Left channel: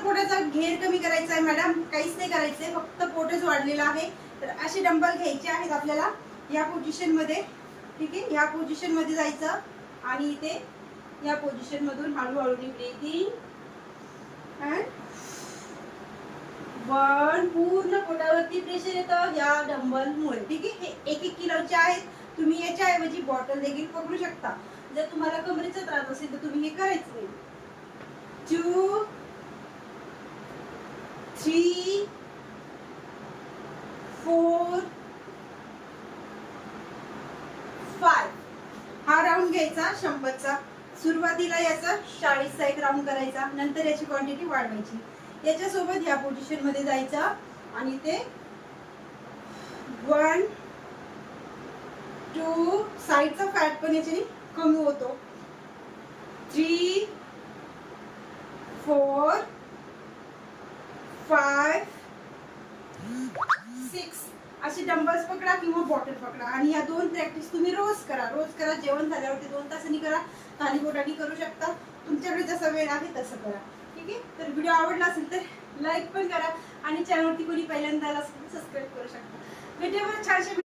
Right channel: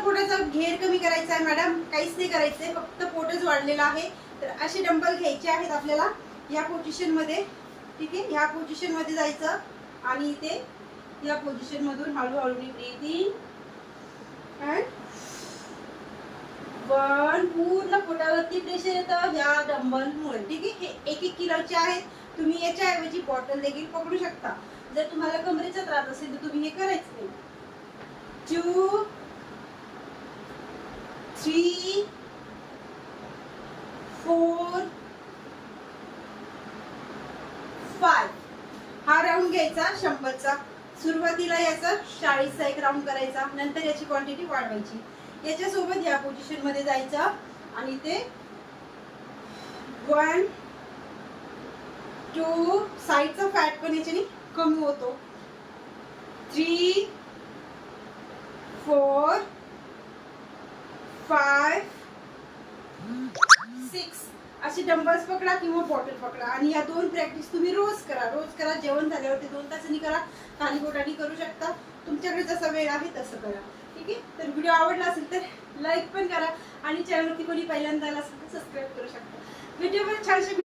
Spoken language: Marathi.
पोटाचा घेर कमी करायचा आहे मॅडम, काहीच नाही करायचंय, फक्त पोटच वाढलेलं आहे. तर असे डंबल घ्यायचे आहेत आपल्याला या पोझिशन मध्ये. ठीक आहे, ह्या पोझिशन मध्ये जायचं आणि इथे या पोझिशन मधून हळूहळू ब्रीथ इन अँड वन. पूर्ण पोटावरती प्रेशर येतं या डंबल मुळे. ठीक आहे, हे 1-1 किलोचे आहेत. तुम्ही याच्या ऐवजी बॉटल देखील पकडू शकता. जर तुम्हाला कमरेचा त्रास असेल तर तुम्ही हे करायचं नाही. 2 3 4 5. हा राऊंड घ्यायचा 100चा. सुरुवातीला याचा 40चा एक राऊंड करायचा, नंतर याची क्वांटिटी वाढवायची. याच्यासोबत या पोझिशन मध्ये जायचा आणि ते 1 2 साईडचा फॅट पण याच्याने कमी होतो. 3 4 5 6 असे डंबल्स पकडा किंवा बॉटल पकडा आणि या 2 प्रॅक्टिस तुम्ही रोज करा. जेवण झाल्यावरती 2 तासांनी करा, खाली पोटाने करू शकता. तुमच्याकडे जसा वेळ आहे तसं करा. ठीक आहे, तर व्हिडिओ आवडला असेल तर लाईक पण करा आणि चॅनलवरती कोणी पहिल्यांदा आला असेल तर सबस्क्राईब करू शकता. व्हिडिओवर छानशे